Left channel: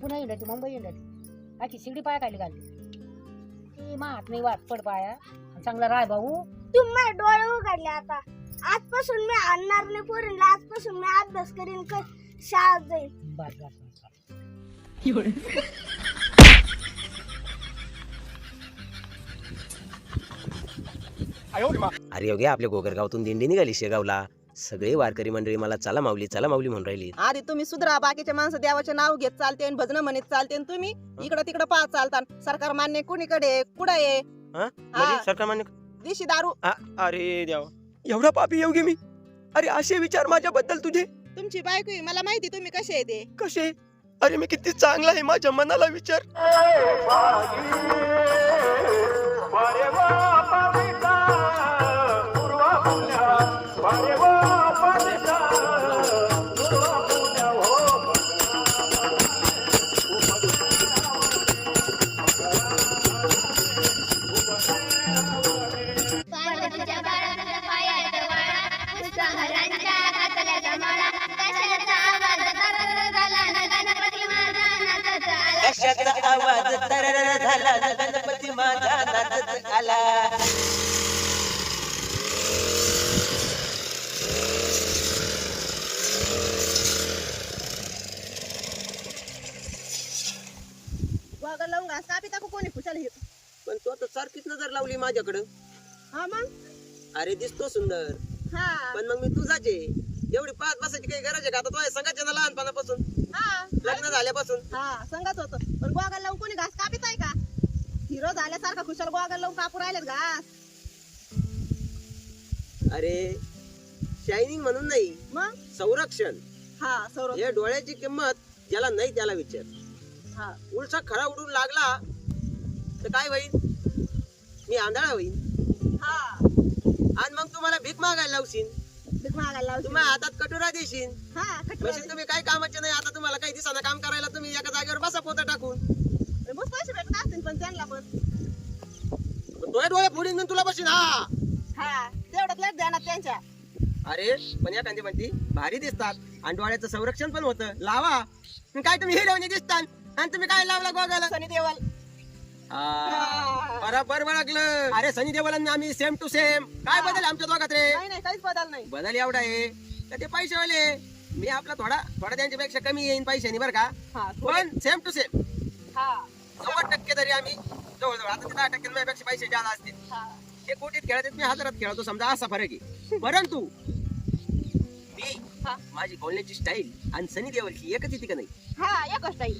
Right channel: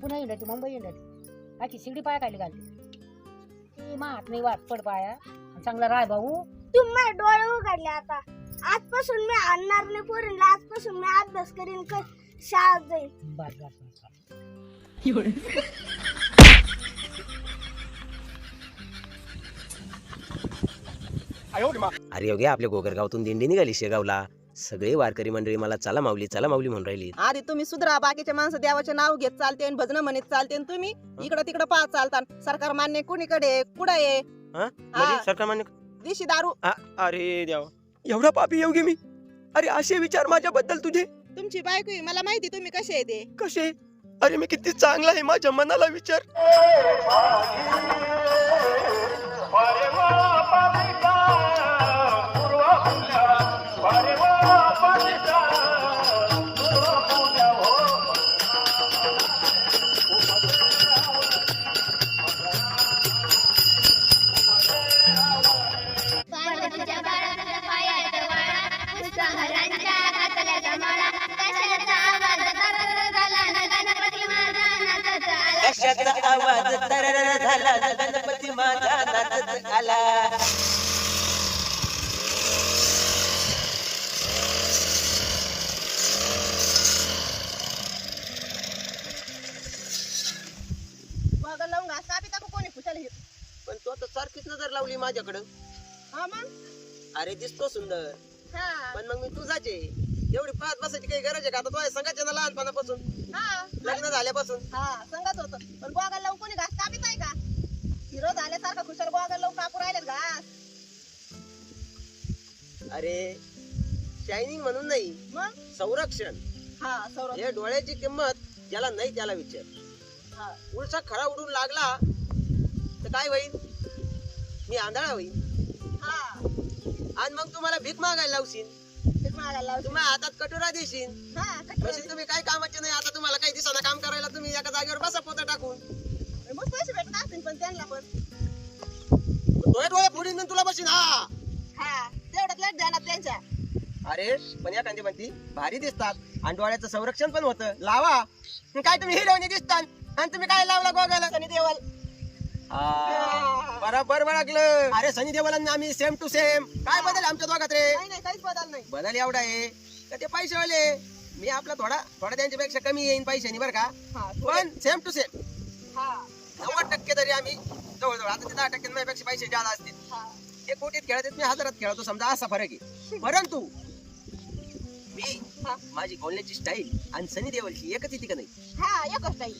पुन्हा येणार मुंबई येणार आखी शिडी पाया खाली घालते ती मात नाही वाट पड पाया चांगला राय भाऊ. तुम्ही डोळे उघडले आता. आजपासून मी आणणार नाही पोरींना. आजपासून मी अभ्यास करीन शाळेत जाईल. बस बस बस. अरे योगी आपल्या गोगरगावातून दिंडी निघाली शेगावला. सगळे वारकरी मंडळी मला चला माऊली म्हणून राहिली. आधी तुम्ही सुधरा. बाकीचे माणसं देवाचे नाव घेत चालते आणि भजन म्हणत चालते आणि तुम्ही इकडं तिकडं पाहत चालता. सरकार मान्य कुणीकडे कुठं आहे? म्हणजे सरकार मान्य दिशी दारू. अरे देवा एवढा पापी योगी मी. अरे असे विचार माझ्याबद्दल तुझे. तुमची बायको आहे, मला माहिती तुम्ही कसे आहे ते. कसे? अरे मी किती चांगला आहे माझ्या मनाला विचार. कशाचा आवाज तरर झाला गणपती माझा नाचत आला. वागं लावून घास कापी टाकू कोणी खुशाल. पण तू आता सारखीच नजर लावली माझ्याकडं. हा मग. अरे दिसतो सुंदर हा पण मग मी तुझाच आहे. एवढी पाच बसायची काही गरज आहे का? आता तो संघाच्या ना लहानपणापासून हा लग्न झाल्यापासून. हा संगत होत. पण गोगल लावून कोणी घास कापीत आहे का? हिरो झाल्यासारखा खुशाल गोगल लावून कापू राहिलेत घास. अरे शायनिंग म्हणून नाही, मग संरक्षण. हा सौरभ. हे डोळ्याची किंमत ज्याला नाही त्याला विचार. हा उलसा खरा उडून लागला तर काय होईल? मी आंधळा होईल हा आणि मग तुम्हाला भीक मागायला लावशील. तेच मागायला लावशील. तुम्ही हातात कटोरा देशील. हा म्हणजे तुम्ही काय कामाचे नाही. आता तुम्हाला काही दिवसांना काम करायला तुम्ही एका जागेवर बसा पोता टाकून. मग पैसे भेटत असतील पण त्यांना पण. डोळे डोळे फोडून तुला बसीन. हा हा तेवढ्यात लाईट द्या ना त्यांच्या. अरे पण या कांदी म्हणती भारी दिसतात आणि डोळ्याचं संरक्षण पण होतं. लावा. काय तुम्ही हिरोईन दिसतात आणि तुम्ही काय लावला गोगाला? सनी देवल. बरोबर ओळखलं. अरे सनी देओल आणि आम्ही सेम टू सेम. काय बदल आमच्या दोघात रे? नाही नाही काहीच बदल नाही. बदल एवढा आहे का ते पैसेवाले. मी आपला थोडा त्यांच्यापेक्षा कमी येईन पैशानी बरं का. हा पण सेम टू सेम हा 90% तरी आम्ही जवळजवळ. आता ते 10% माझ्यापेक्षा पैसे जादा असतील. हा ते कोटीत खेळतात मी हजारात खेळतो समजा. असा फरक आहे. परंतु मी माझी बोलण्याची स्टाईल आणि सनी देओलची एकच येते का नाही? हा एकच नाही.